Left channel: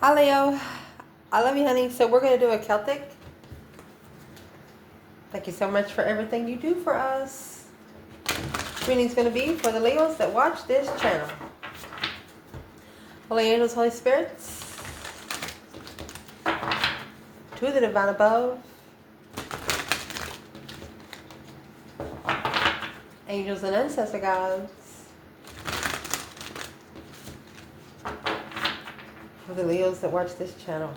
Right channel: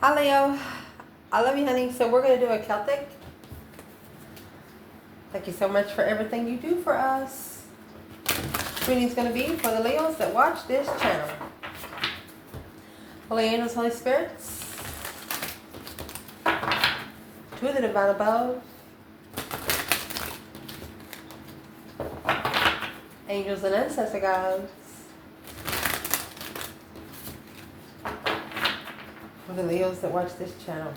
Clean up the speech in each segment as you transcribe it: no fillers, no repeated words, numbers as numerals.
Hi Leo, I love you honey. So we're going to do a Celtic. Thank you so much for everything you do for us. Reading's going to be for the Leos that watch this channel. Holy angels, Holy spirits, to the divine above, angels and ancestor guides, for the Leos that watch this channel.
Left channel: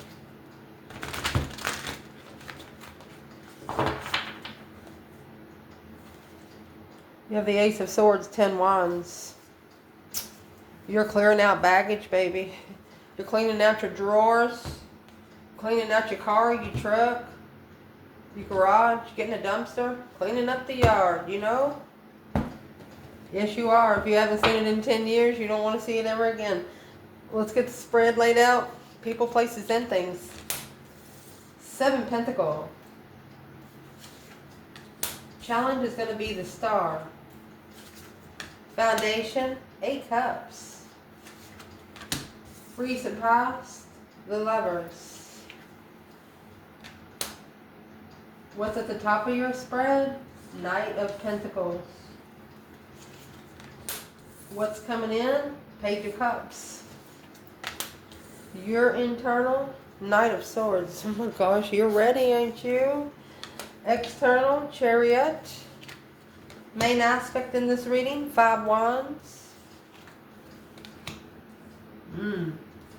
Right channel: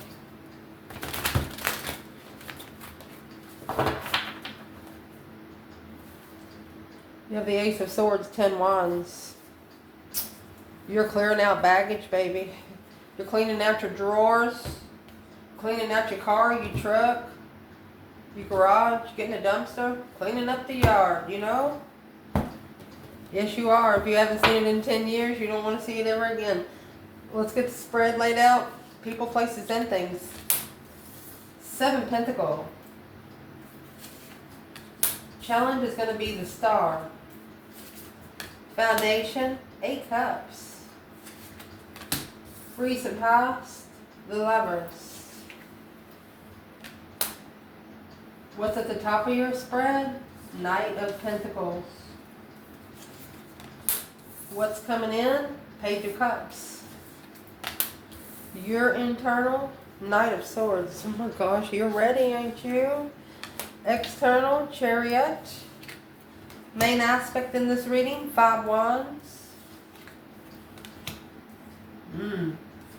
You have the Ace of Swords, 10 Wands. You're clearing out baggage, baby. You're cleaning out your drawers, cleaning out your car, your truck, your garage, getting a dumpster, cleaning up the yard, you know? Yes, you are. If you haven't seen it in 10 years, you don't want to see it ever again. Let's get the spread laid out. People, places, and things. 7 Pentacle. Challenge is going to be the Star. Foundation, 8 Cups. Recent past, the Lovers. What's at the top of your spread? Knight of Pentacles. What's coming in? Page of Cups. Your internal, Knight of Swords. Oh my gosh, you're ready, ain't you? External, Chariot. Main aspect in this reading, 5 Wands.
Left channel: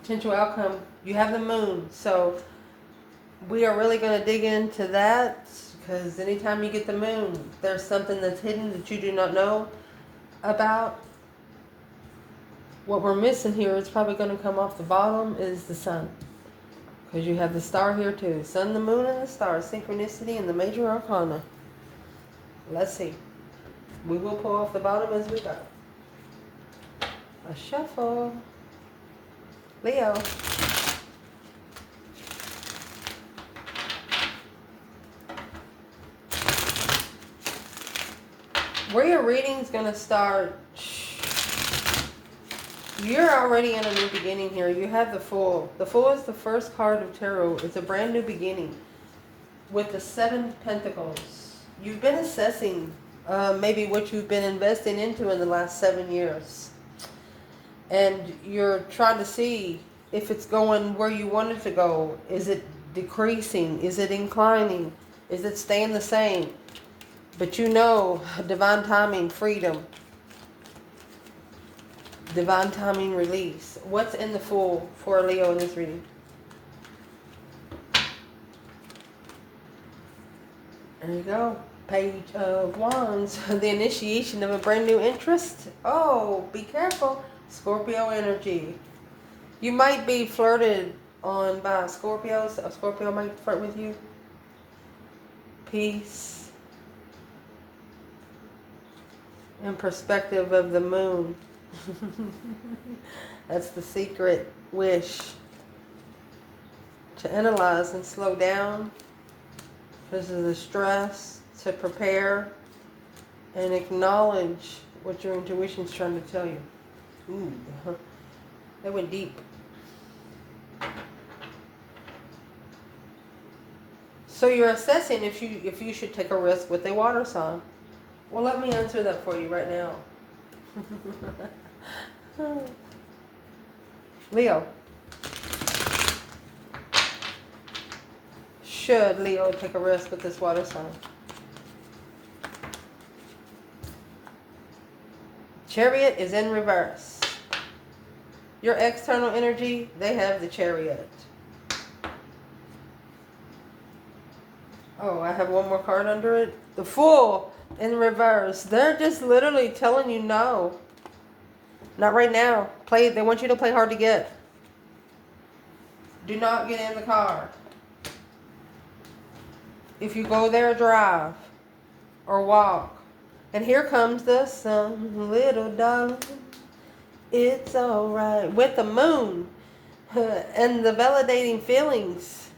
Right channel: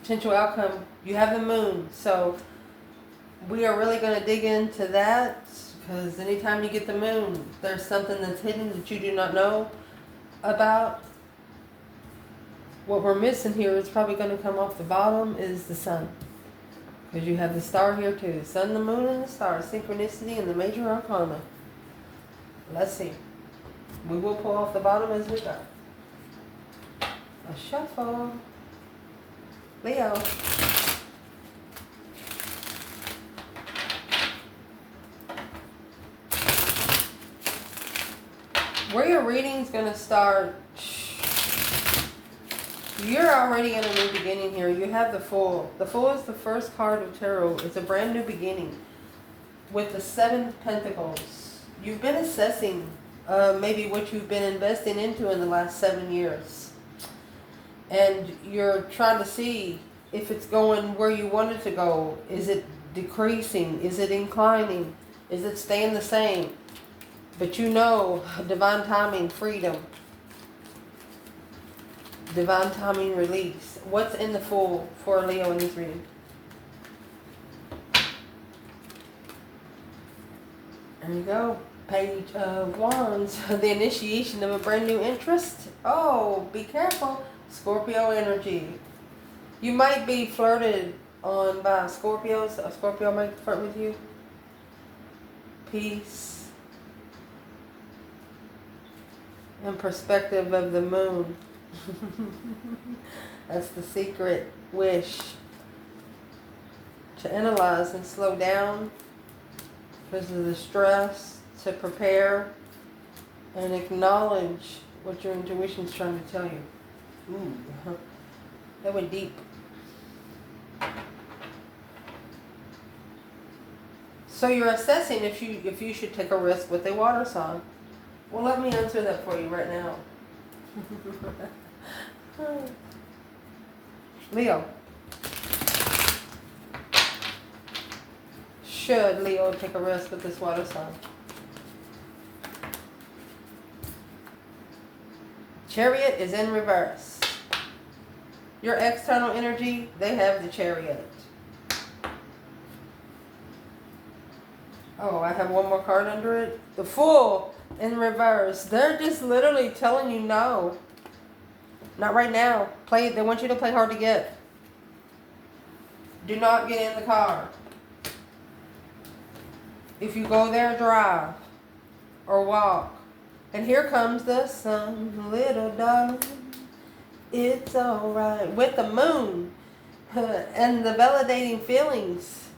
Potential outcome, you have the Moon. So we are really going to dig into that, because anytime you get the Moon, there's something that's hidden that you do not know about. What we're missing here is probably going to come off the bottom is the Sun, because you have the Star here too. Sun, the Moon, and the Star. Synchronicity and the major arcana. Let's see. We will pull off the bottom as we go. A shuffle. Leo. Where your reading's going to start, you're already in a new beginning here. You have the Fool. The Fool is the first card of tarot. It's a brand new beginning with the 7 Pentacles. You've been assessing maybe what you've been investing into in the last 7 years. And you're trying to see if it's going where you want it to go. Is it decreasing? Is it inclining? Is it staying the same? But you know, divine timing, freedom. Divine timing, release. What's in the Fool for Leo in this reading? There you go. Page of Wands. The initiation of a brand new interest. Oh, be careful. Scorpio energy. You might be flirted on by Scorpios. A Scorpio might flirt with you. Peace. And perspective of the Moon. That's the secret wish. To analyze and slow down. This is the stress. To prepare and acknowledge what your intuition's trying to tell you. Ooh, that went deep. So you're assessing if you should take a risk with a water sign. Well, let me answer that for you right now. Leo. Should Leo take a risk with this water sign? Chariot is in reverse. Your external energy, they have the Chariot. Oh, I have one more card under it. The Fool in reverse. They're just literally telling you no. Not right now. They want you to play hard to get. Do not get in the car. If you go there, drive or walk. And here comes the sun, little darling. It's alright. With the Moon and the validating feelings.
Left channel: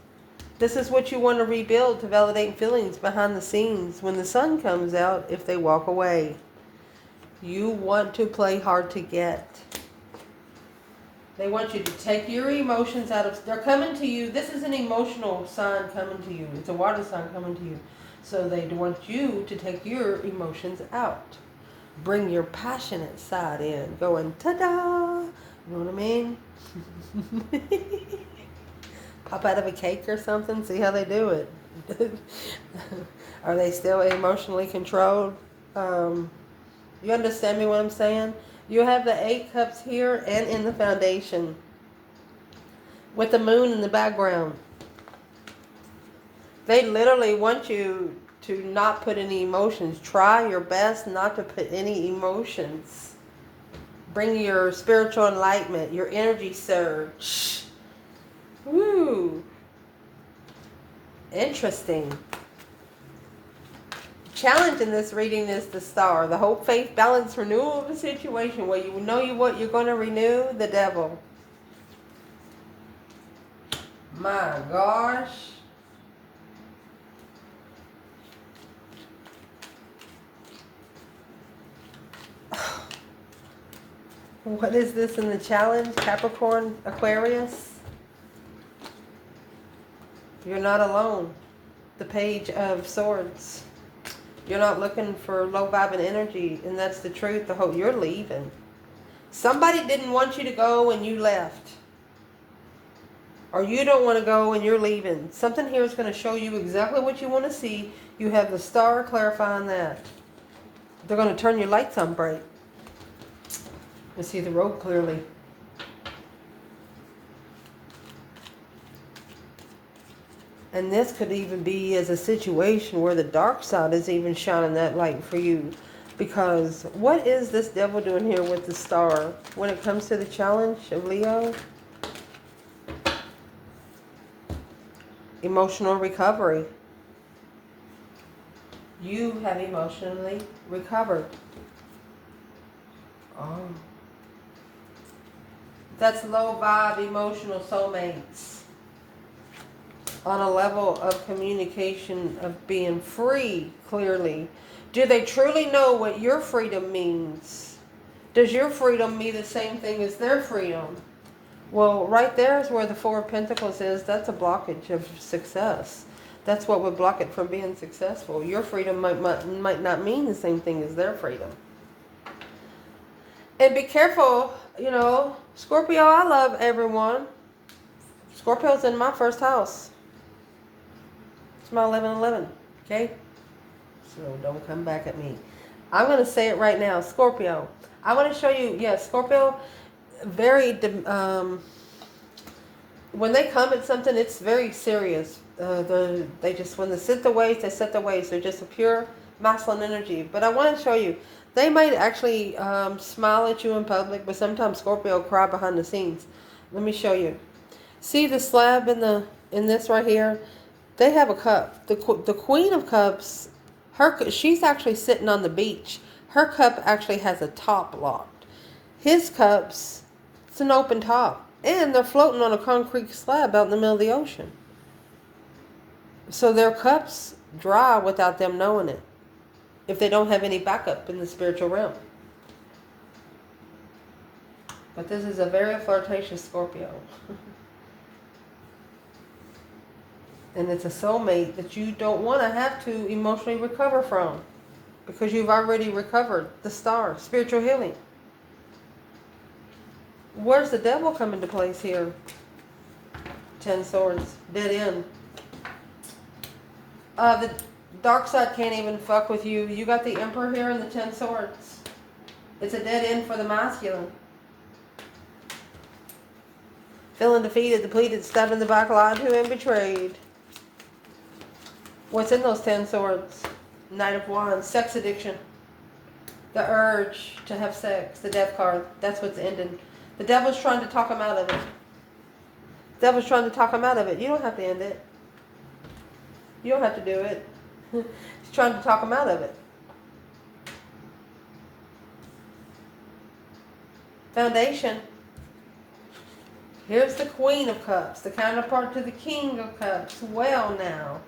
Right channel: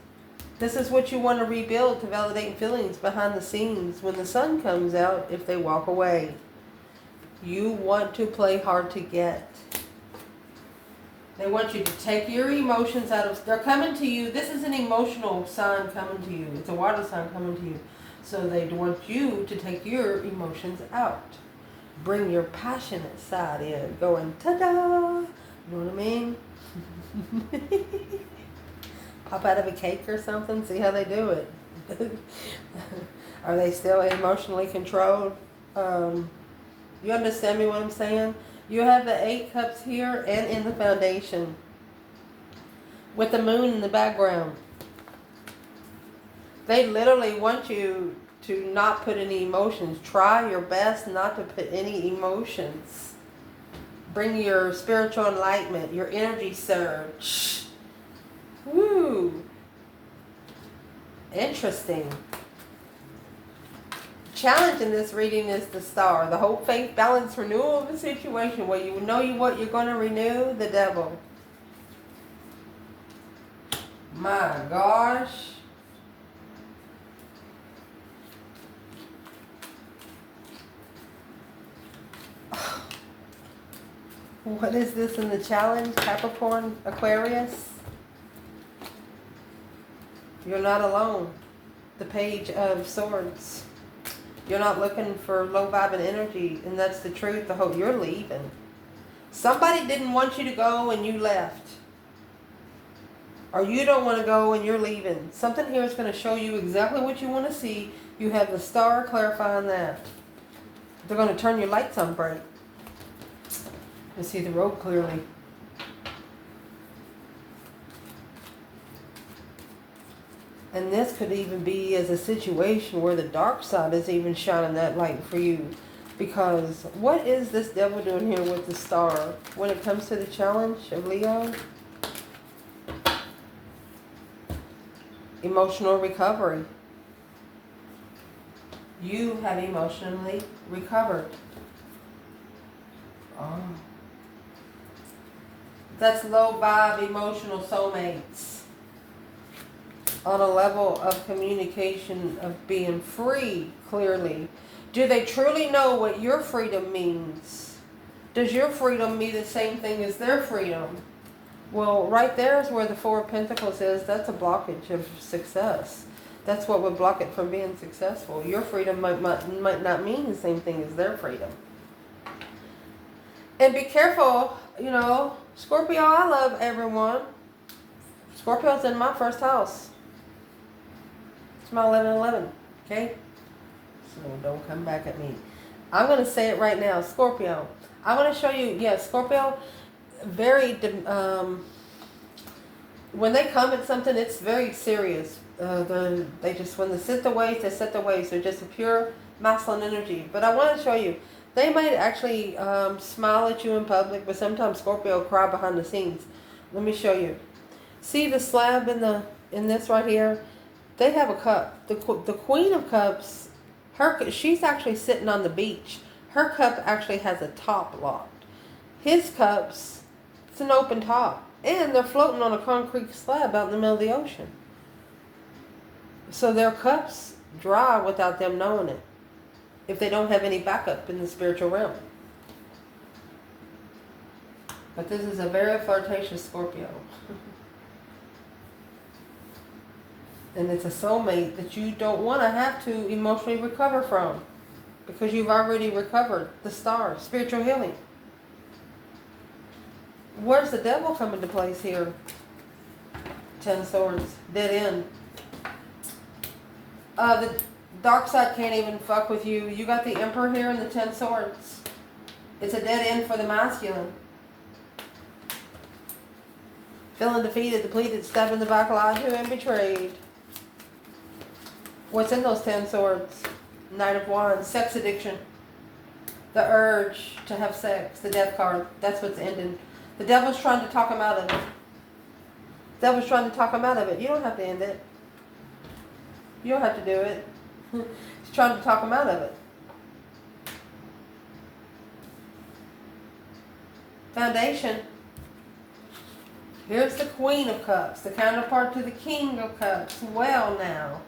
This is what you want to rebuild, to validate feelings behind the scenes. When the sun comes out, if they walk away. You want to play hard to get. They want you to take your emotions out of, they're coming to you. This is an emotional sign coming to you. It's a water sign coming to you. So they want you to take your emotions out. Bring your passionate side in. Going, ta-da! You know what I mean? Pop out of a cake or something. See how they do it. Are they still emotionally controlled? You understand me what I'm saying? You have the 8 cups here and in the foundation with the moon in the background. They literally want you to not put any emotions. Try your best not to put any emotions. Bring your spiritual enlightenment, your energy surge. Woo! Interesting. Challenge in this reading is the star. The hope, faith, balance, renewal of a situation where you know what you're going to renew. The devil. My gosh. What is this in the challenge? Capricorn, Aquarius. You're not alone. The Page of Swords. You're not looking for low vibing energy, and that's the truth. The hope you're leaving. Somebody didn't want you to go and you left. Or you don't want to go and you're leaving. Something here is going to show you exactly what you want to see. You have the star clarifying that. They're going to turn your lights on bright. To see the road clearly. And this could even be as a situation where the dark side is even shining that light for you. Because what is this devil doing here with the star? When it comes to the challenge of Leo? Emotional recovery. You have emotionally recovered. Oh. That's low vibe emotional soulmates. On a level of communication, of being free, clearly. Do they truly know what your freedom means? Does your freedom mean the same thing as their freedom? Well, right there is where the 4 of Pentacles is. That's a blockage of success. That's what would block it from being successful. Your freedom might not mean the same thing as their freedom. And be careful, you know, Scorpio, I love everyone. Scorpio's in my first house. It's my 11-11, okay? So don't come back at me. I'm going to say it right now. Scorpio. I want to show you, yes, Scorpio, very, when they come at something, it's very serious. They just, when they set the ways, they set the ways. They're just a pure masculine energy. But I want to show you, they might actually smile at you in public, but sometimes Scorpio cry behind the scenes. Let me show you. See the slab in this right here? They have a cup. The Queen of Cups, she's actually sitting on the beach. Her cup actually has a top locked. His cups, it's an open top. And they're floating on a concrete slab out in the middle of the ocean. So their cups dry without them knowing it. If they don't have any backup in the spiritual realm. But this is a very flirtatious Scorpio. And it's a soulmate that you don't want to have to emotionally recover from. Because you've already recovered the star, spiritual healing. Where's the devil come into place here? 10 swords, dead end. The dark side can't even fuck with you. You got the Emperor here and the 10 swords. It's a dead end for the masculine. Feeling defeated, depleted, stabbed in the back, lied to and betrayed. What's in those 10 swords? Knight of Wands, sex addiction. The urge to have sex, the death card. That's what's ending. The devil's trying to talk him out of it. The devil's trying to talk him out of it. You don't have to end it. You don't have to do it. He's trying to talk him out of it. Foundation. Here's the Queen of Cups, the counterpart to the King of Cups. Well now.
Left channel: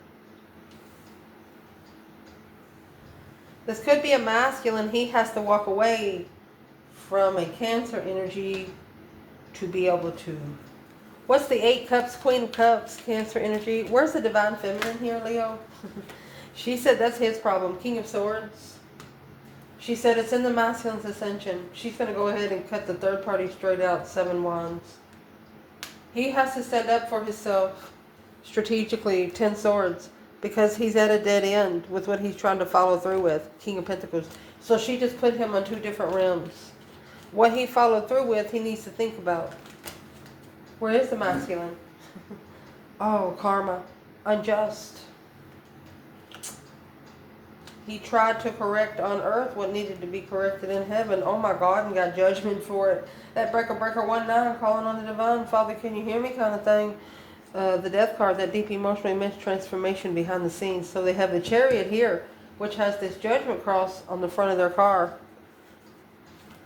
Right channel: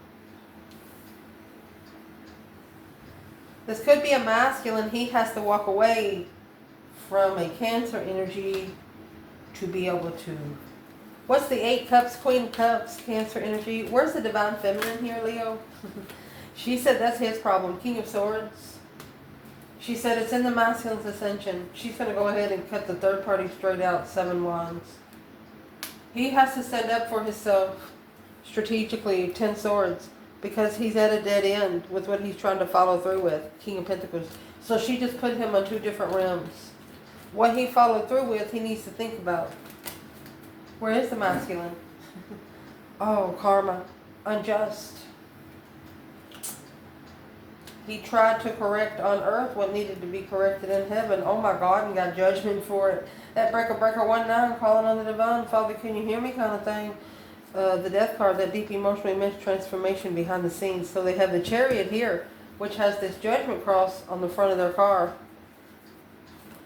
This could be a masculine. He has to walk away from a Cancer energy to be able to. What's the 8 cups, Queen of Cups, Cancer energy? Where's the divine feminine here, Leo? She said that's his problem. King of Swords. She said it's in the masculine's ascension. She's going to go ahead and cut the third party straight out, 7 wands. He has to stand up for himself strategically, 10 swords, because he's at a dead end with what he's trying to follow through with, King of Pentacles. So she just put him on 2 different realms. What he followed through with, he needs to think about. Where is the masculine? Oh, karma. Unjust. He tried to correct on earth what needed to be corrected in heaven. Oh my God, and got judgment for it. That breaker 19, calling on the divine. Father, can you hear me kind of thing. The death card, that deep emotional immense transformation behind the scenes. So they have the Chariot here, which has this judgment cross on the front of their car.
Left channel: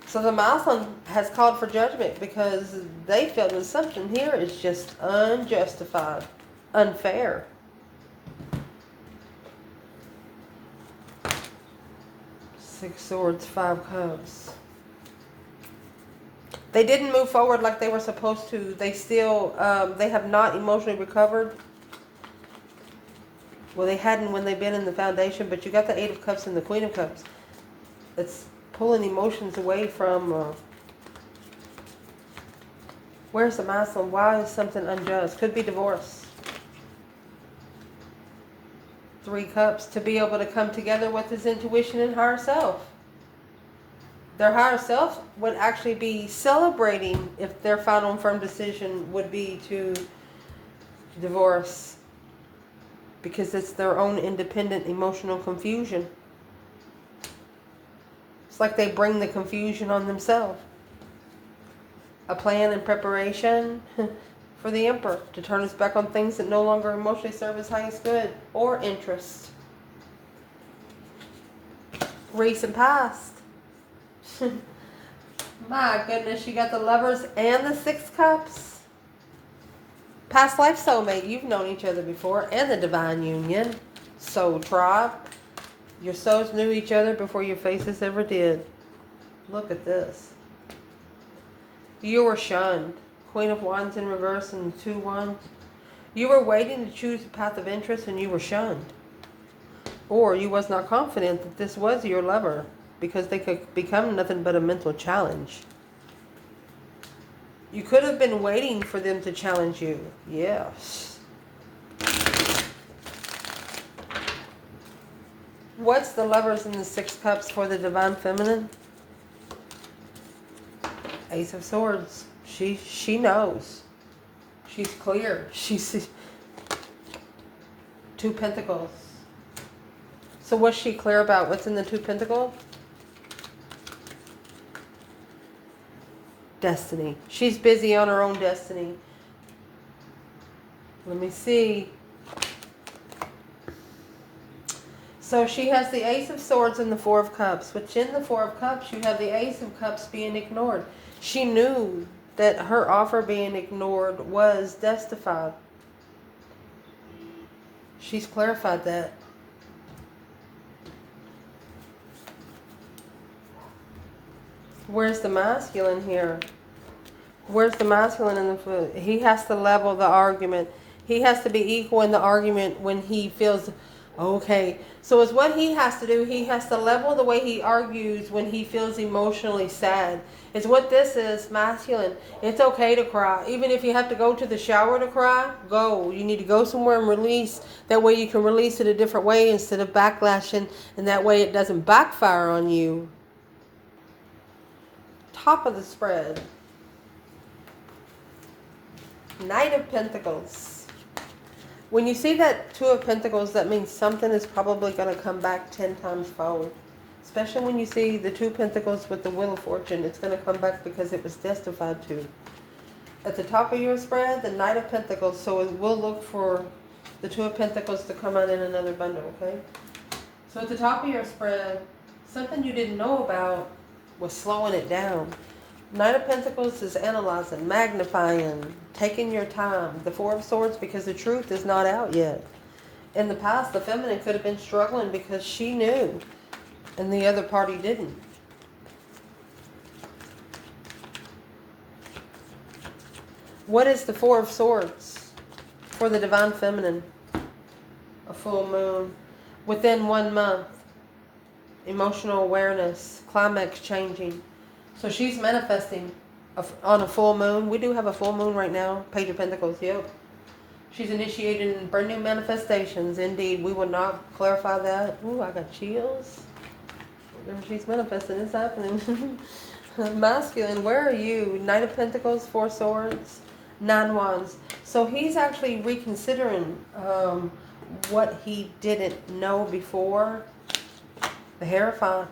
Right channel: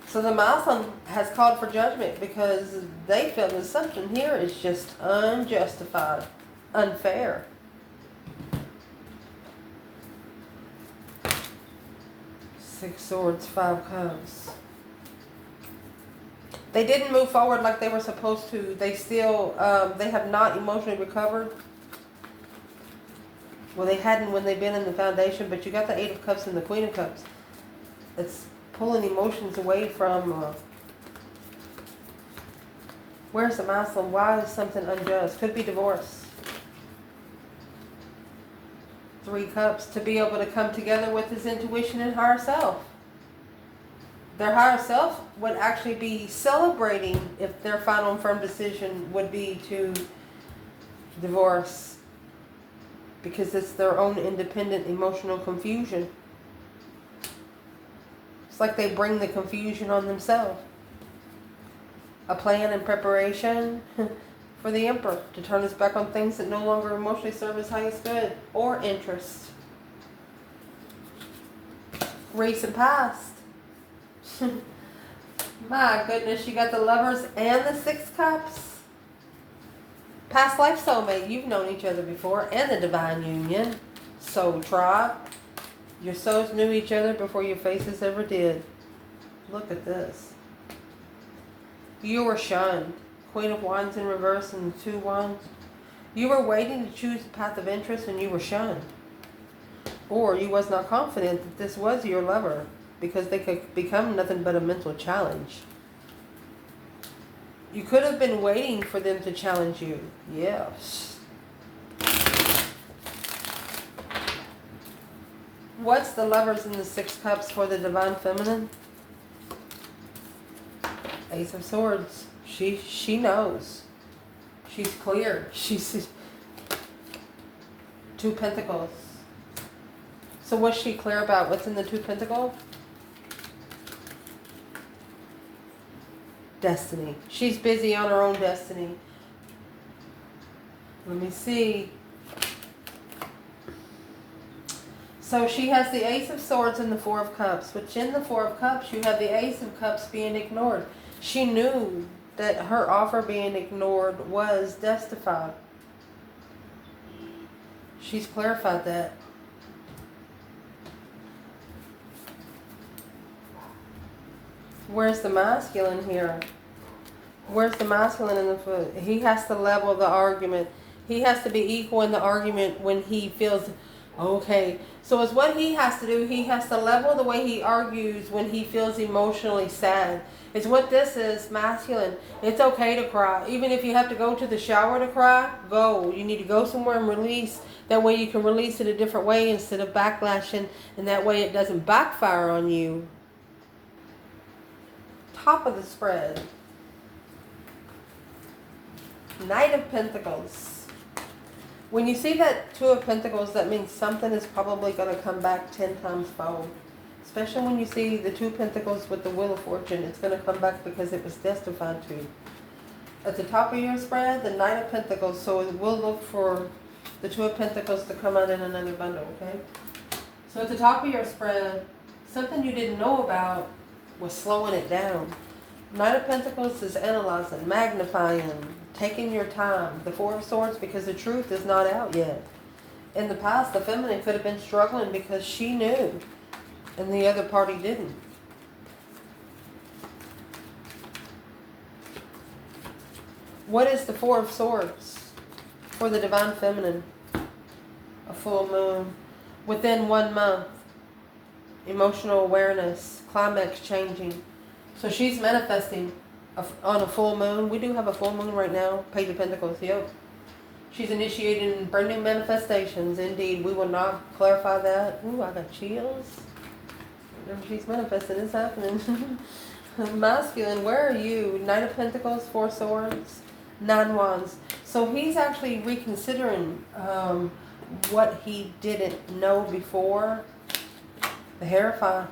So the Muslim has called for judgment because they feel that something here is just unjustified, unfair. Six Swords, 5 Cups. They didn't move forward like they were supposed to. They still, they have not emotionally recovered. Well, they hadn't when they've been in the foundation, but you got the 8 of Cups and the Queen of Cups. It's pulling emotions away from, where's the Muslim? Why is something unjust? Could be divorce. 3 Cups, to be able to come together with his intuition and higher self. Their higher self would actually be celebrating if their final and firm decision would be to divorce, because it's their own independent emotional confusion. It's like they bring the confusion on themselves. A plan and preparation for the Emperor to turn us back on things that no longer emotionally serve his highest good or interest. Recent past. My goodness, you got the Lovers and the 6 Cups. Past life soulmate, you've known each other before, and the divine union. Soul tribe. Your souls knew each other before your faces ever did. Look at this. You were shunned. Queen of Wands in reverse and 2 Wands. You were waiting to choose the path of interest and you were shunned. Or you was not confident that this was your lover, because they could become nothing but a mental challenge. You could have been waiting for them to challenge you. Yes. What's the Lovers in the 6 Cups for the divine feminine? Ace of Swords. She knows. She's clear. She's 2 Pentacles. So what's she clear about? What's in the 2 Pentacles? Destiny. She's busy on her own destiny. Let me see. So she has the Ace of Swords and the 4 of Cups. Which in the 4 of Cups, you have the Ace of Cups being ignored. She knew that her offer being ignored was justified. She's clarified that. Where's the masculine here? Where's the masculine in the foot? He has to level the argument. He has to be equal in the argument when he feels okay. So it's what he has to do. He has to level the way he argues when he feels emotionally sad. It's what this is, masculine. It's okay to cry. Even if you have to go to the shower to cry, go. You need to go somewhere and release. That way you can release it a different way instead of backlashing. And that way it doesn't backfire on you. Top of the spread. Knight of Pentacles. When you see that 2 of Pentacles, that means something is probably going to come back 10 times fold. Especially when you see the 2 Pentacles with the Wheel of Fortune. It's going to come back because it was justified to. At the top of your spread, the Knight of Pentacles. So we'll look for the 2 of Pentacles to come out in another bundle, okay? So at the top of your spread, something you didn't know about was slowing it down. Knight of Pentacles is analyzing, magnifying, taking your time. The 4 of Swords, because the truth is not out yet. In the past, the feminine could have been struggling because she knew and the other party didn't. What is the Four of Swords for the Divine Feminine? A full moon. Within 1 month. Emotional awareness. Climax changing. So she's manifesting on a full moon. We do have a full moon right now. Page of Pentacles. Yep. She's initiating brand new manifestations. Indeed. We will not clarify that. Ooh, I got chills. She's manifesting. It's happening. Masculine. Where are you? Knight of Pentacles. 4 Swords. 9 Wands. So he's actually reconsidering what he didn't know before. The Hierophant.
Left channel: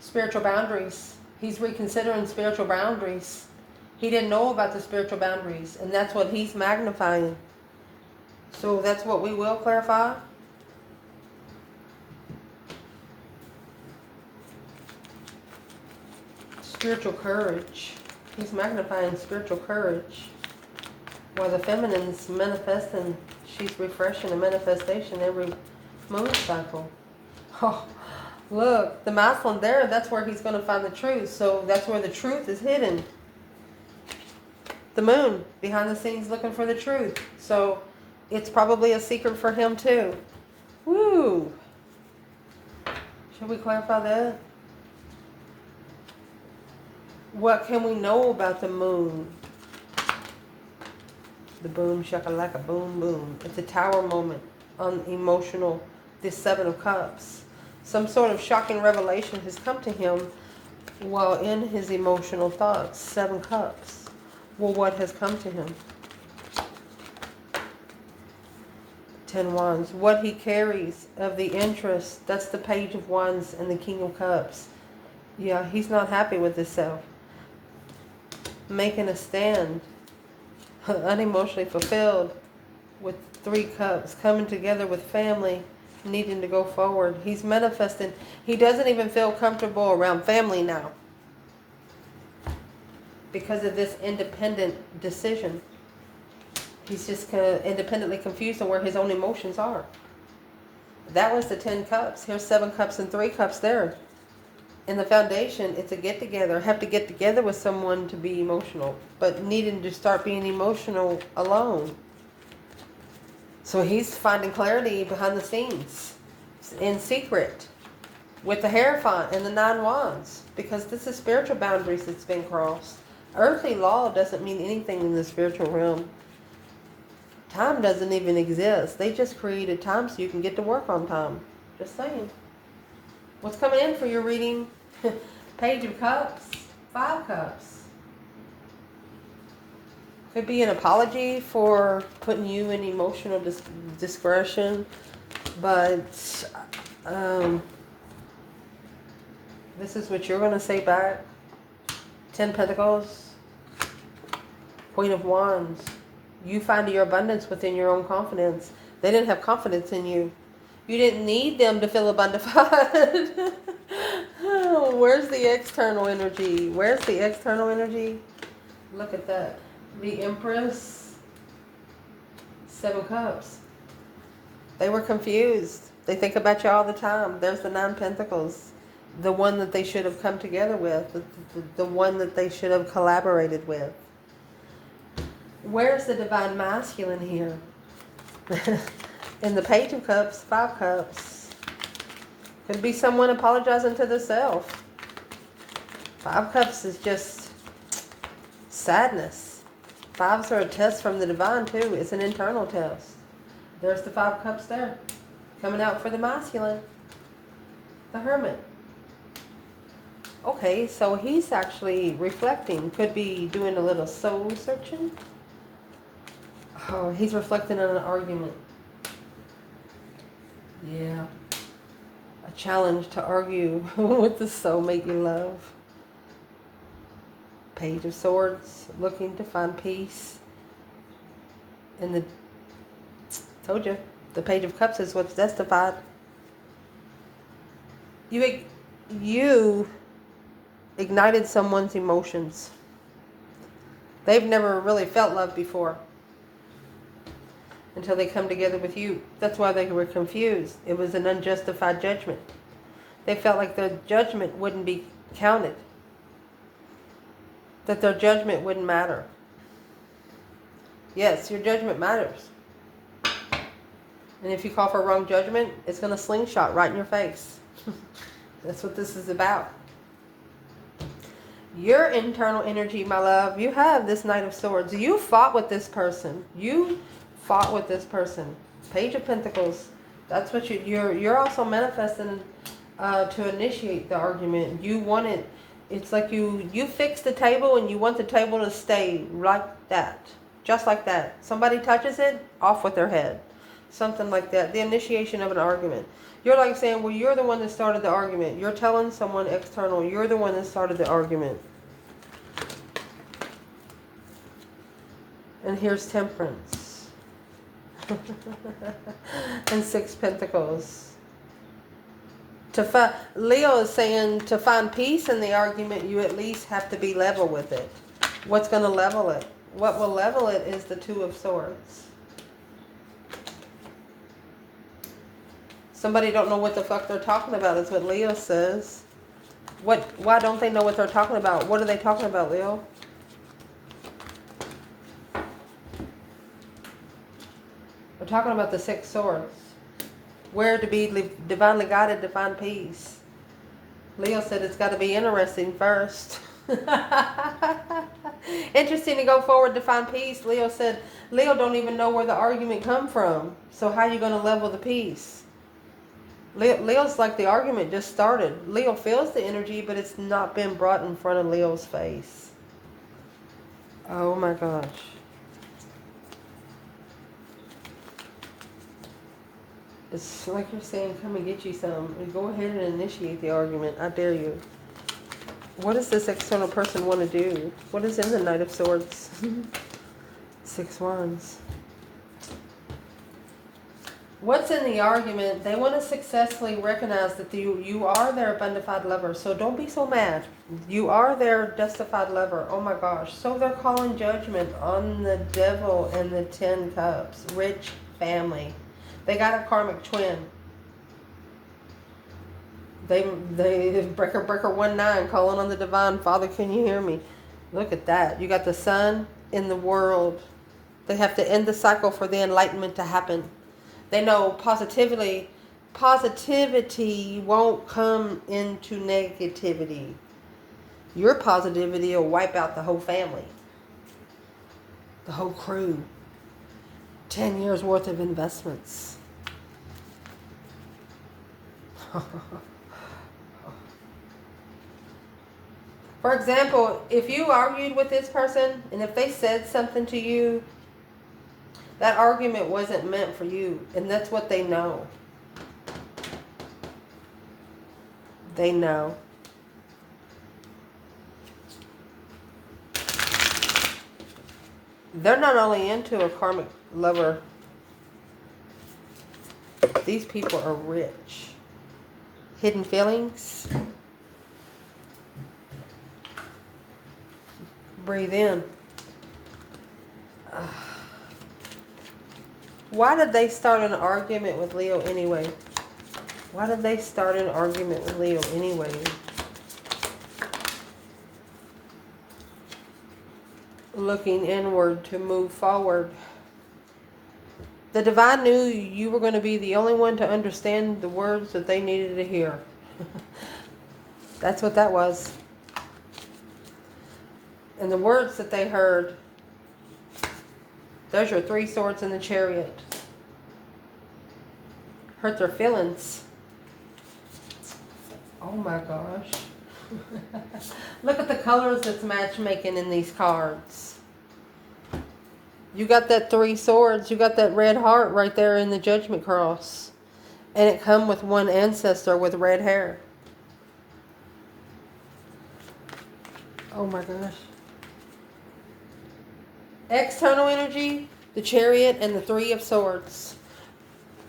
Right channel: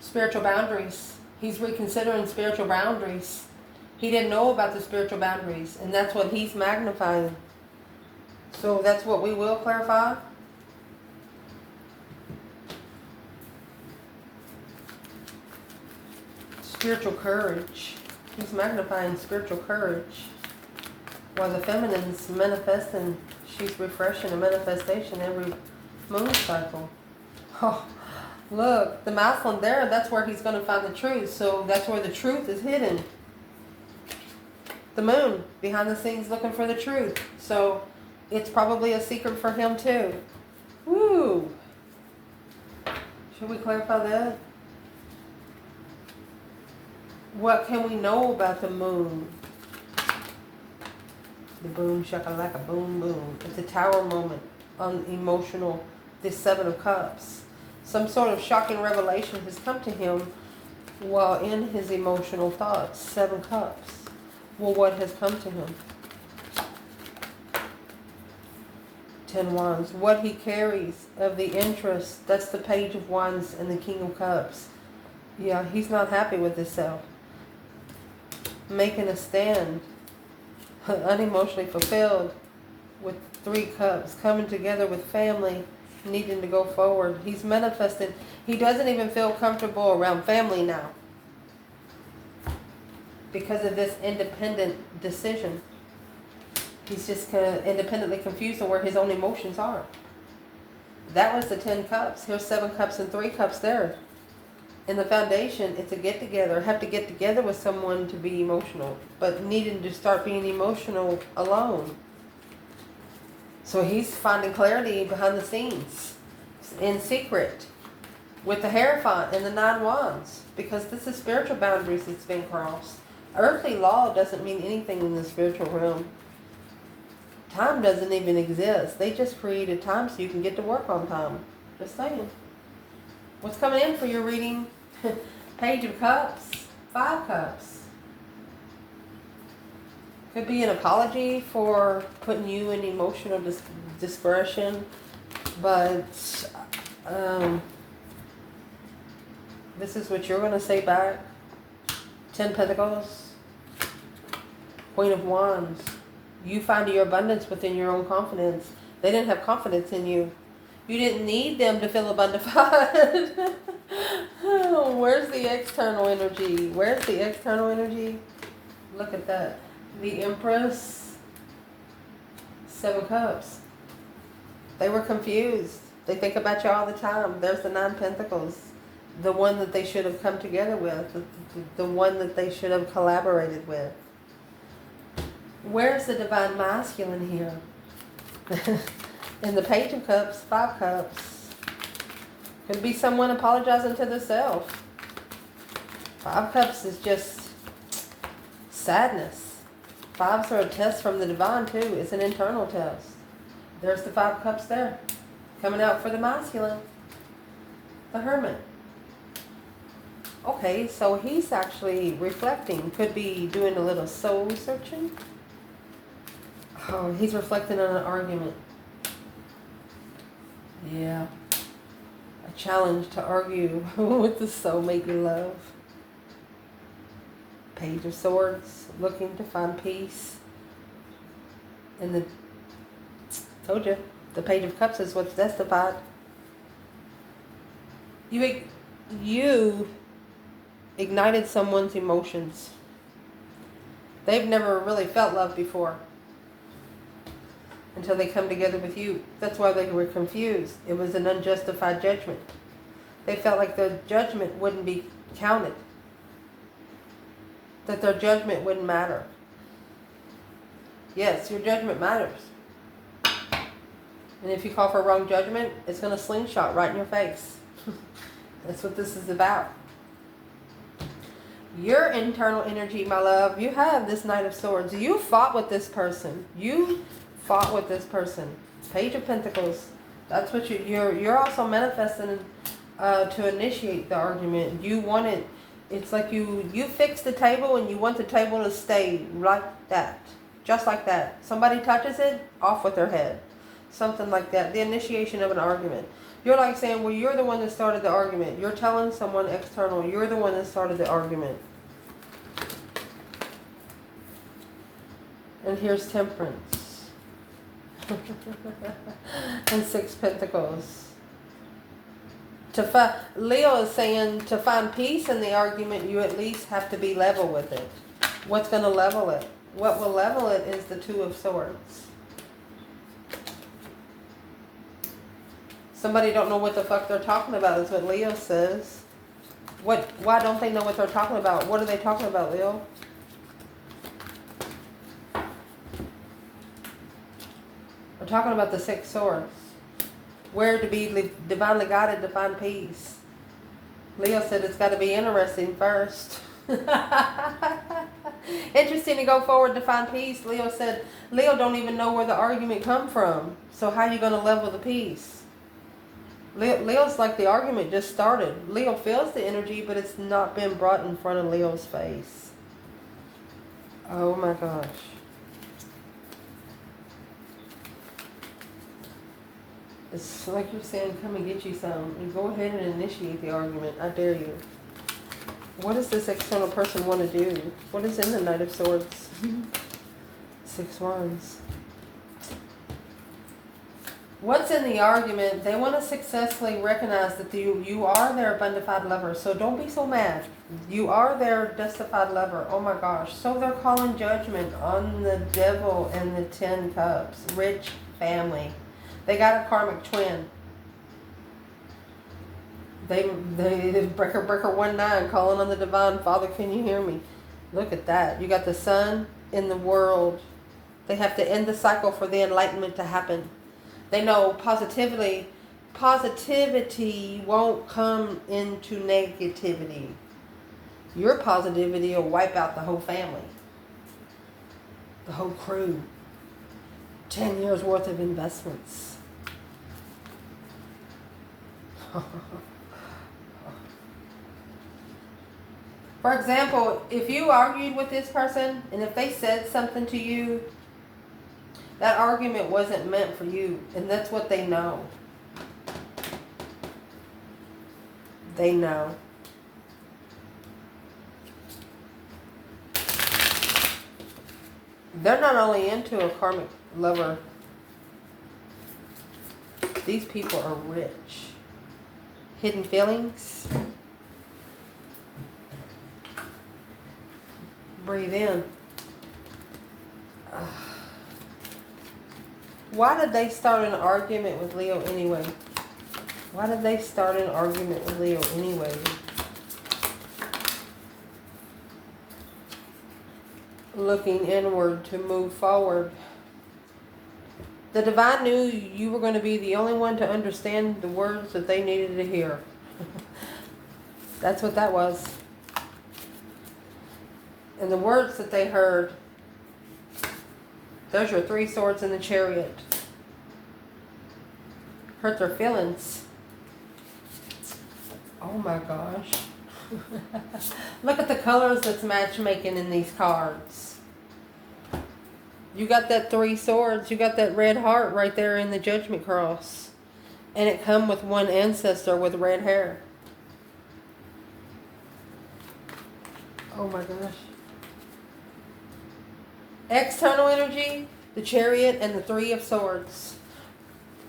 Spiritual boundaries. He's reconsidering spiritual boundaries. He didn't know about the spiritual boundaries, and that's what he's magnifying. So that's what we will clarify. Spiritual courage. He's magnifying spiritual courage. While the feminine's manifesting, she's refreshing a manifestation every moon cycle. Oh, look, the masculine there, that's where he's going to find the truth. So that's where the truth is hidden. The moon, behind the scenes looking for the truth. So it's probably a secret for him too. Woo! Should we clarify that? What can we know about the moon? The boom shakalaka boom boom. It's a tower moment on emotional. This 7 of Cups. Some sort of shocking revelation has come to him while in his emotional thoughts. 7 Cups. Well, what has come to him? 10 Wands. What he carries of the interest. That's the Page of Wands and the King of Cups. Yeah, he's not happy with himself. Making a stand. Unemotionally fulfilled. With 3 Cups. Coming together with family. Needing to go forward. He's manifesting. He doesn't even feel comfortable around family now. Because of this independent decision. He's just independently confused on where his own emotions are. That was the 10 Cups. Here's 7 Cups and 3 Cups there. In the foundation, it's a get-together. I have to get together with someone to be emotional. But needing to start being emotional alone. So he's finding clarity behind the scenes. In secret. With the Hierophant and the 9 Wands. Because this is spiritual boundaries that's been crossed. Earthly law doesn't mean anything in the spiritual realm. Time doesn't even exist. They just created time so you can get to work on time. Just saying. What's coming in for your reading? Page of Cups. 5 Cups. Could be an apology for putting you in emotional discretion. But this is what you're going to say back. 10 Pentacles. Queen of Wands. You find your abundance within your own confidence. They didn't have confidence in you. You didn't need them to feel abundant. Oh, where's the external energy? Where's the external energy? Look at that. The Empress. 7 Cups. They were confused. They think about you all the time. There's the 9 Pentacles. The one that they should have come together with. The one that they should have collaborated with. Where's the Divine Masculine here? In the Page of Cups, 5 Cups. Could be someone apologizing to themselves. 5 Cups is just sadness. 5s are a test from the Divine too. It's an internal test. There's the 5 Cups there. Coming out for the masculine. The Hermit. Okay, so he's actually reflecting. Could be doing a little soul searching. Oh, he's reflecting on an argument. Yeah. A challenge to argue with the soulmate you love. Page of Swords. Looking to find peace. And the... Told you. The Page of Cups is what's testified. You ignited someone's emotions. They've never really felt love before. Until they come together with you. That's why they were confused. It was an unjustified judgment. They felt like their judgment wouldn't be counted. That their judgment wouldn't matter. Yes, your judgment matters. And if you call for wrong judgment, it's going to slingshot right in your face. That's what this is about. Your internal energy, my love, you have this Knight of Swords. You fought with this person. You fought with this person. Page of Pentacles. That's what you're also manifesting to initiate the argument. You want it. It's like you fix the table and you want the table to stay like that. Just like that. Somebody touches it, off with their head. Something like that. The initiation of an argument. You're like saying, well, you're the one that started the argument. You're telling someone external, you're the one that started the argument. And here's Temperance. And 6 Pentacles. Leo is saying to find peace in the argument, you at least have to be level with it. What's going to level it? What will level it is the 2 of Swords. Somebody don't know what the fuck they're talking about is what Leo says. Why don't they know what they're talking about? What are they talking about, Leo? We're talking about the 6 Swords. Where to be divinely guided to find peace. Leo said it's got to be interesting first. Interesting to go forward to find peace. Leo said, Leo don't even know where the argument come from. So how are you going to level the peace? Leo's like the argument just started. Leo feels the energy, but it's not been brought in front of Leo's face. Oh my gosh. It's like you're saying, come and get you some. And go ahead and initiate the argument. I dare you. What does this external person want to do? What is in the Knight of Swords? 6 Wands. What's in the argument? They want to successfully recognize that you are their bonafide lover. So don't be so mad. You are their justified lover. Oh my gosh. So they're calling judgment on the Devil and the 10 Cups. Rich family. They got a karmic twin. They breaker 19 calling on the divine. Father, can you hear me? Look at that. You got the sun in the world. They have to end the cycle for the enlightenment to happen. They know positivity won't come into negativity. Your positivity will wipe out the whole family. The whole crew. 10 years worth of investments. For example, if you argued with this person and if they said something to you, that argument wasn't meant for you. And that's what they know. They know. They're not only into a karmic lover. These people are rich. Hidden feelings. Breathe in. Why did they start an argument with Leo anyway? Why did they start an argument with Leo anyway? Looking inward to move forward. The divine knew you were going to be the only one to understand the words that they needed to hear. That's what that was. And the words that they heard, there's your 3 swords in the Chariot. Hurt their feelings. Oh my gosh. Look at the colors that's matchmaking in these cards. You got that 3 swords. You got that red heart right there in the Judgment Cross. And it come with one ancestor with red hair. Oh my gosh. External energy, the Chariot and the 3 of Swords.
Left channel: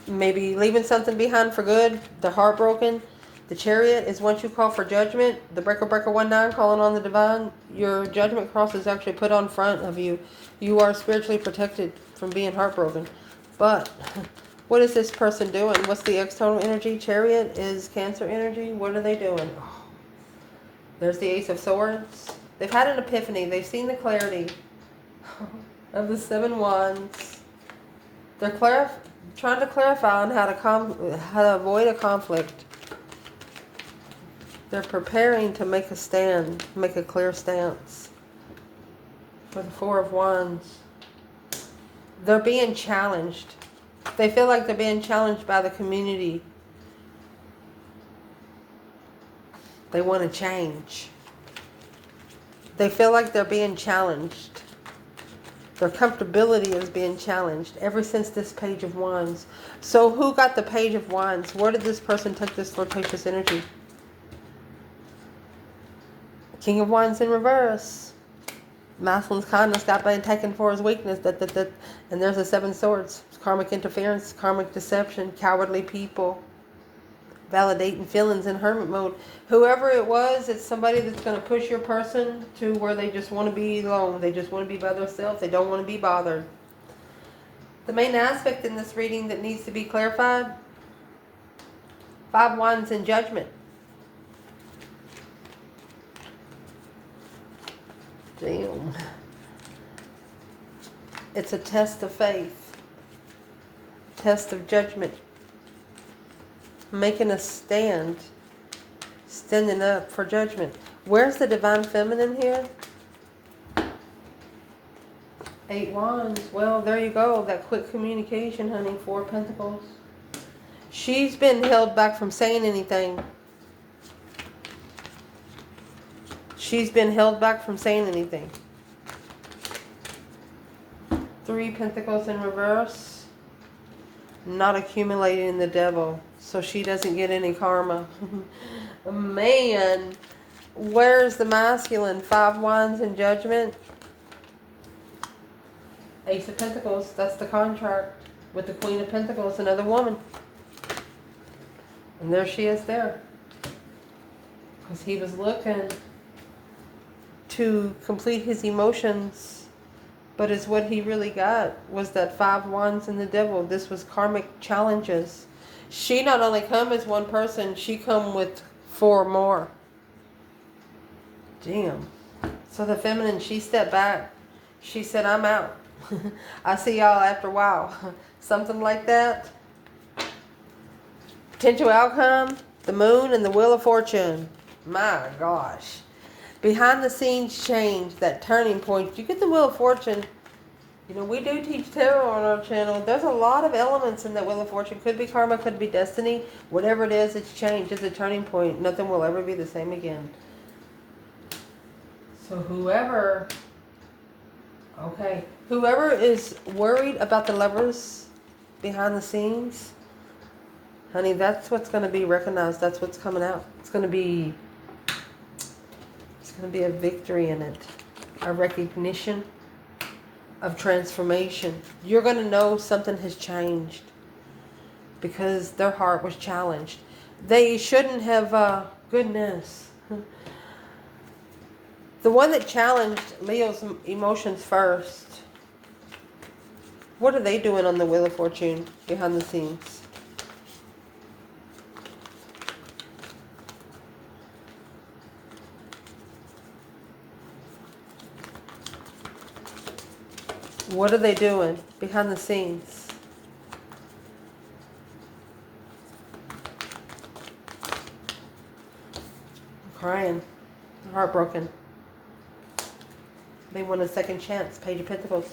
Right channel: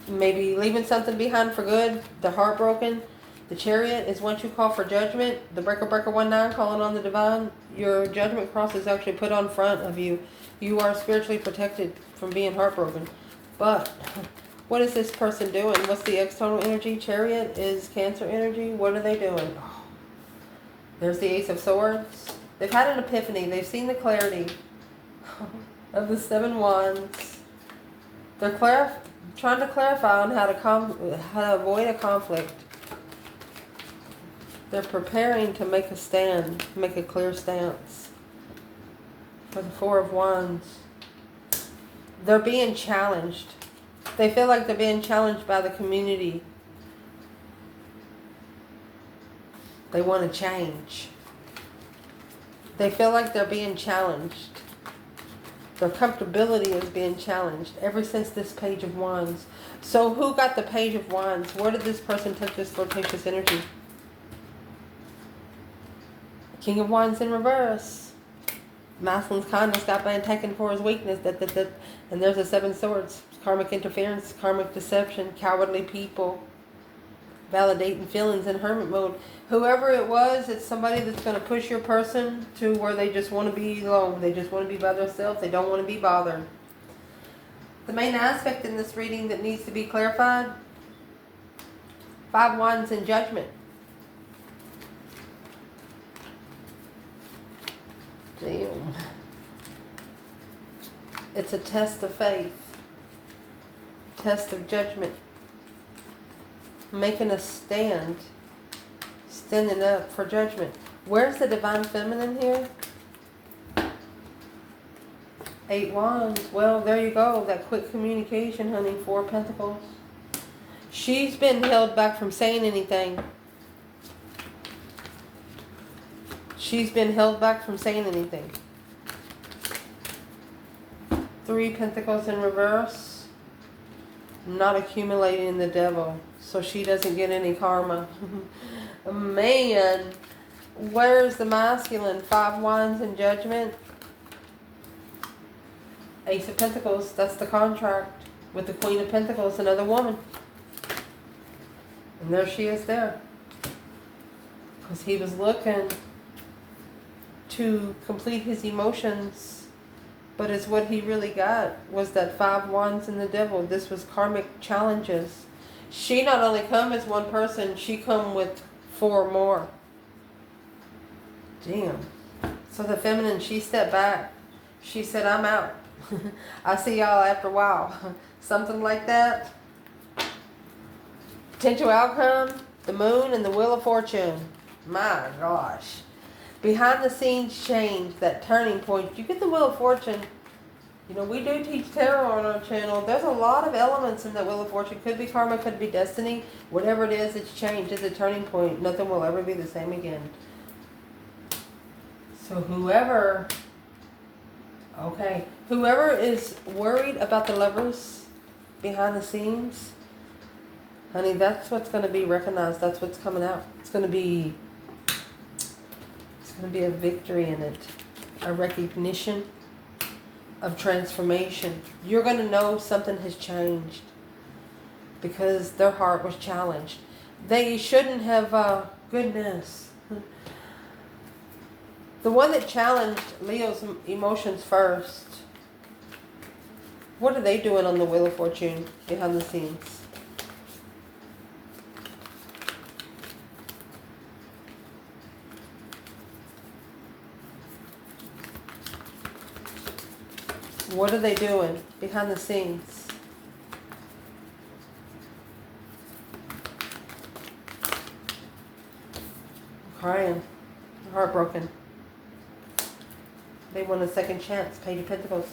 Maybe leaving something behind for good. They're heartbroken. The Chariot is once you call for judgment. The breaker 19 calling on the divine. Your judgment cross is actually put on front of you. You are spiritually protected from being heartbroken. But what is this person doing? What's the external energy? Chariot is Cancer energy. What are they doing? Oh, there's the Ace of Swords. They've had an epiphany. They've seen the clarity. of the Seven Wands. They're trying to clarify on how to avoid a conflict. They're preparing to make a stand, make a clear stance. For the Four of Wands, they're being challenged. They feel like they're being challenged by the community. They want to change. They feel like they're being challenged. Their comfortability is being challenged ever since this Page of Wands. So who got the Page of Wands? Where did this person take this flirtatious energy? King of Wands in reverse. Masculine's kindness got being taken for his weakness. And there's the Seven Swords. Karmic interference, karmic deception, cowardly people. Validating feelings in hermit mode. Whoever it was, it's somebody that's going to push your person to where they just want to be alone. They just want to be by themselves. They don't want to be bothered. The main aspect in this reading that needs to be clarified. 5 Wands in Judgment. Damn. It's a test of faith. Test of judgment. Making a stand. Standing up for judgment. Where's the Divine Feminine here? 8 Wands. Well, there you go. That quick communication, honey. 4 Pentacles. She's been held back from saying anything. She's been held back from saying anything. 3 Pentacles in reverse. Not accumulating the devil. So she doesn't get any karma. Man. Where's the masculine? 5 Wands in Judgment. Ace of Pentacles. That's the contract. With the Queen of Pentacles. Another woman. And there she is there. Because he was looking to complete his emotions. But it's what he really got was that 5 Wands and the devil. This was karmic challenges. She not only come as one person, she come with 4 more. Damn. So the feminine, she stepped back. She said, I'm out. I'll see y'all after a while. Something like that. Potential outcome, the moon and the Wheel of Fortune. My gosh. Behind the scenes change, that turning point. You get the Wheel of Fortune. You know, we do teach tarot on our channel. There's a lot of elements in that Wheel of Fortune. Could be karma, could be destiny. Whatever it is, it's change. It's a turning point. Nothing will ever be the same again. So whoever is worried about the lovers behind the scenes, honey, that's what's going to be recognized. That's what's coming out. It's going to be a victory in it. A recognition of transformation. You're going to know something has changed because their heart was challenged. They shouldn't have, goodness. The one that challenged Leo's emotions first. What are they doing on the Wheel of Fortune behind the scenes? What are they doing behind the scenes? I'm crying. I'm heartbroken. They want a second chance. Page of Pentacles.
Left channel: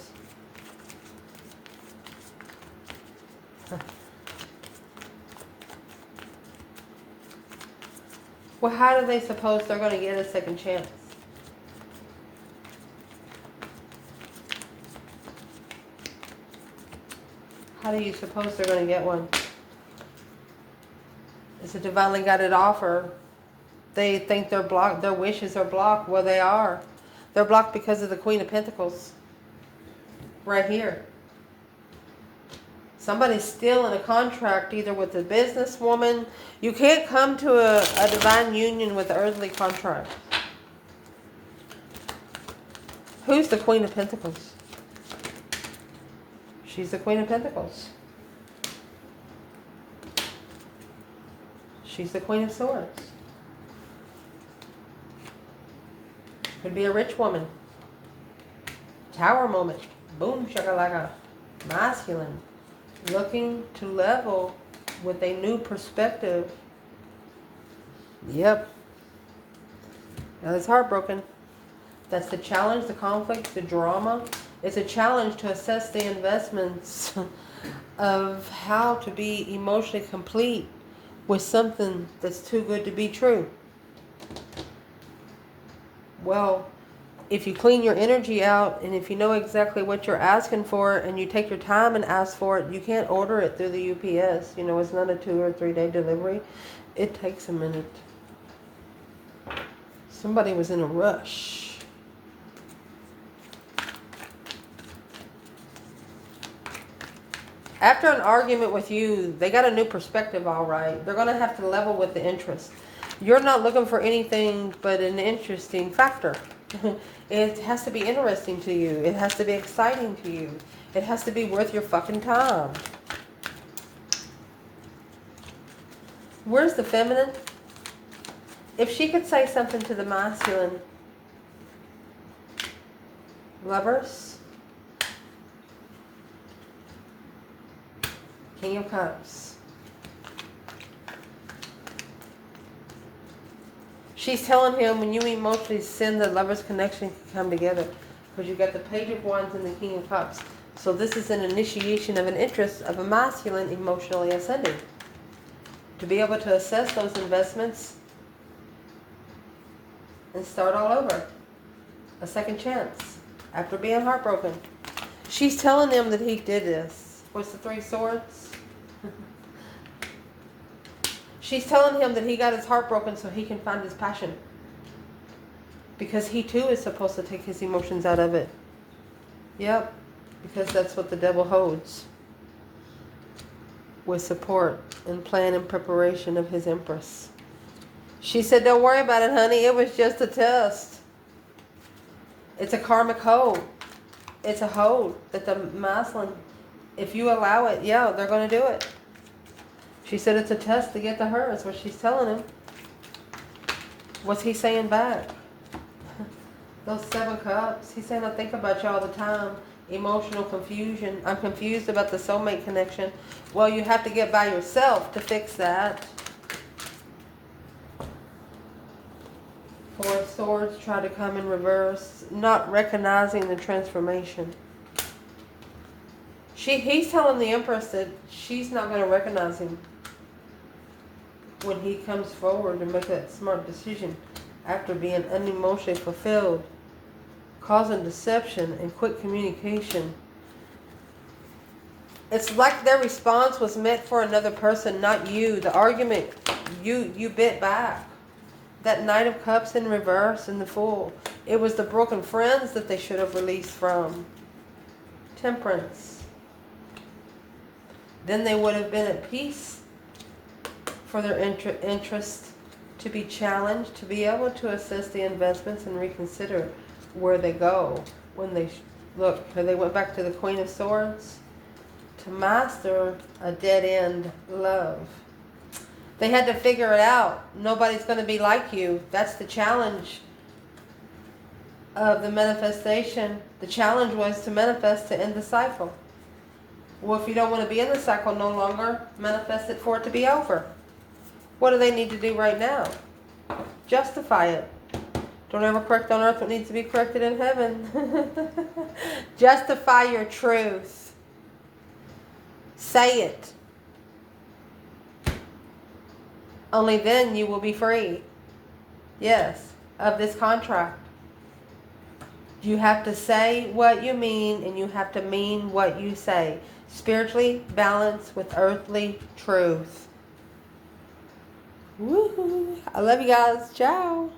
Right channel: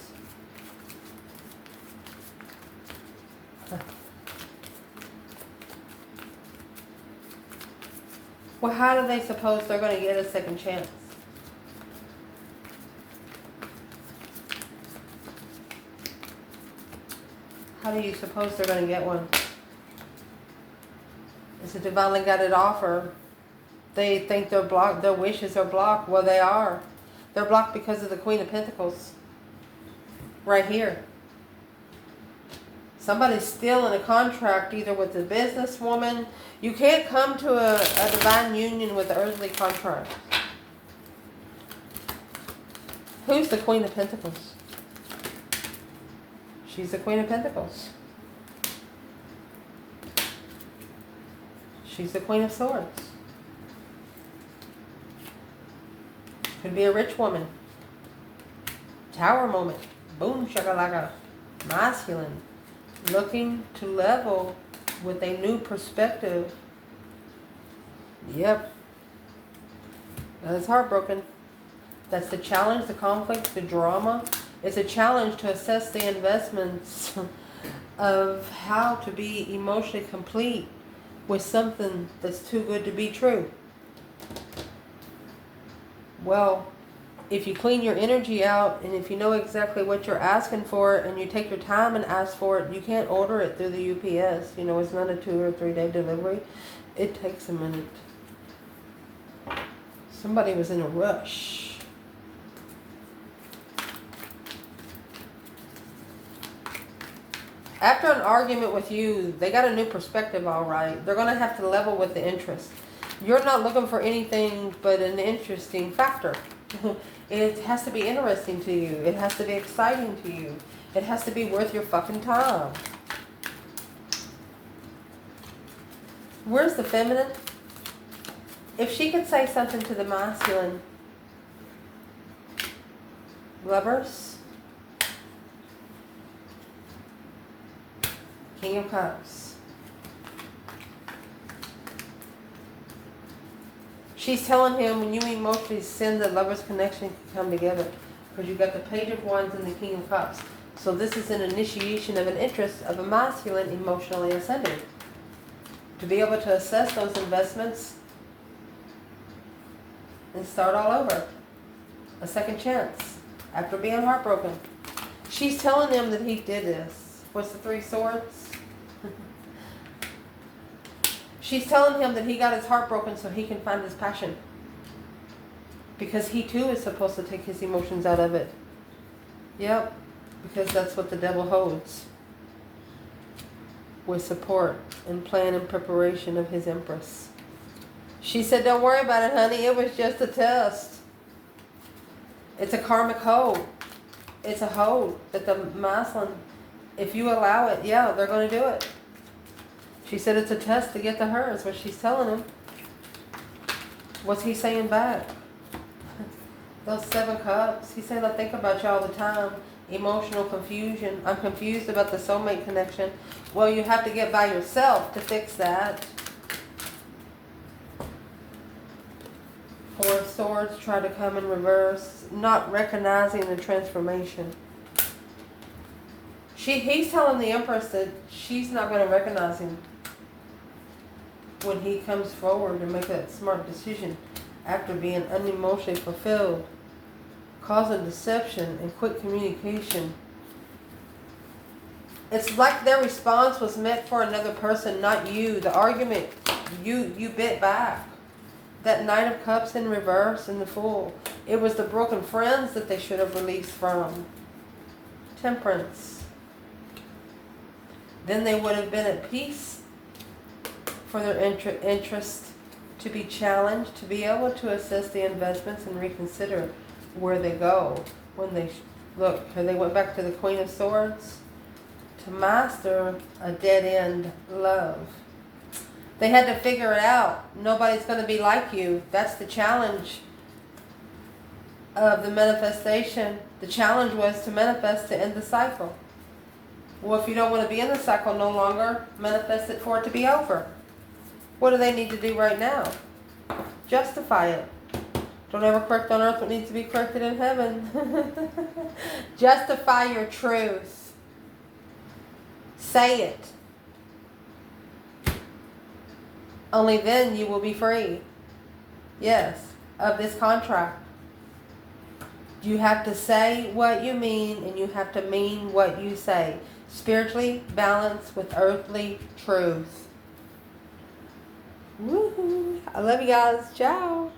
Well, how do they suppose they're going to get a second chance? How do you suppose they're going to get one? Is it divinely guided offer? They think they're blocked. Their wishes are blocked. Well, they are. They're blocked because of the Queen of Pentacles. Right here. Somebody's still in a contract either with a businesswoman. You can't come to a divine union with an earthly contract. Who's the Queen of Pentacles? She's the Queen of Pentacles. She's the Queen of Swords. Could be a rich woman. Tower moment. Boom shakalaka. Masculine. Looking to level with a new perspective. Yep. Now it's heartbroken. That's the challenge, the conflict, the drama. It's a challenge to assess the investments of how to be emotionally complete with something that's too good to be true. Well, if you clean your energy out and if you know exactly what you're asking for and you take your time and ask for it, you can't order it through the UPS. You know, it's not a 2 or 3 day delivery. It takes a minute. Somebody was in a rush. After an argument with you, they got a new perspective, all right. They're going to have to level with the interest. You're not looking for anything but an interesting factor. It has to be interesting to you. It has to be exciting to you. It has to be worth your fucking time. Where's the feminine? If she could say something to the masculine, Lovers, King of Cups. She's telling him when you emotionally send the Lovers connection can come together. Because you've got the Page of Wands and the King of Cups. So this is an initiation of an interest of a masculine emotionally ascending. To be able to assess those investments and start all over. A second chance after being heartbroken. She's telling him that he did this. What's the 3 swords? She's telling him that he got his heart broken so he can find his passion. Because he too is supposed to take his emotions out of it. Yep. Because that's what the devil holds. With support and plan and preparation of his Empress. She said, don't worry about it, honey. It was just a test. It's a karmic hold. It's a hold that the masculine, if you allow it, yeah, they're going to do it. She said it's a test to get to her, is what she's telling him. What's he saying back? Those 7 cups. He's saying, I think about you all the time. Emotional confusion. I'm confused about the soulmate connection. Well, you have to get by yourself to fix that. 4 swords try to come in reverse, not recognizing the transformation. He's telling the Empress that she's not going to recognize him when he comes forward and make that smart decision after being unemotionally fulfilled, causing deception and quick communication. It's like their response was meant for another person, not you. The argument, you bit back. That Knight of Cups in reverse and the Fool. It was the broken friends that they should have released from. Temperance. Then they would have been at peace for their interest to be challenged, to be able to assess the investments and reconsider where they go. When they look, they went back to the Queen of Swords to master a dead-end love. They had to figure it out. Nobody's going to be like you. That's the challenge of the manifestation. The challenge was to manifest to end the cycle. Well, if you don't want to be in the cycle no longer, manifest it for it to be over. What do they need to do right now? Justify it. Don't ever correct on earth what needs to be corrected in heaven. Justify your truth. Say it. Only then you will be free. Yes, of this contract. You have to say what you mean and you have to mean what you say. Spiritually balanced with earthly truth. Woohoo! I love you guys. Ciao.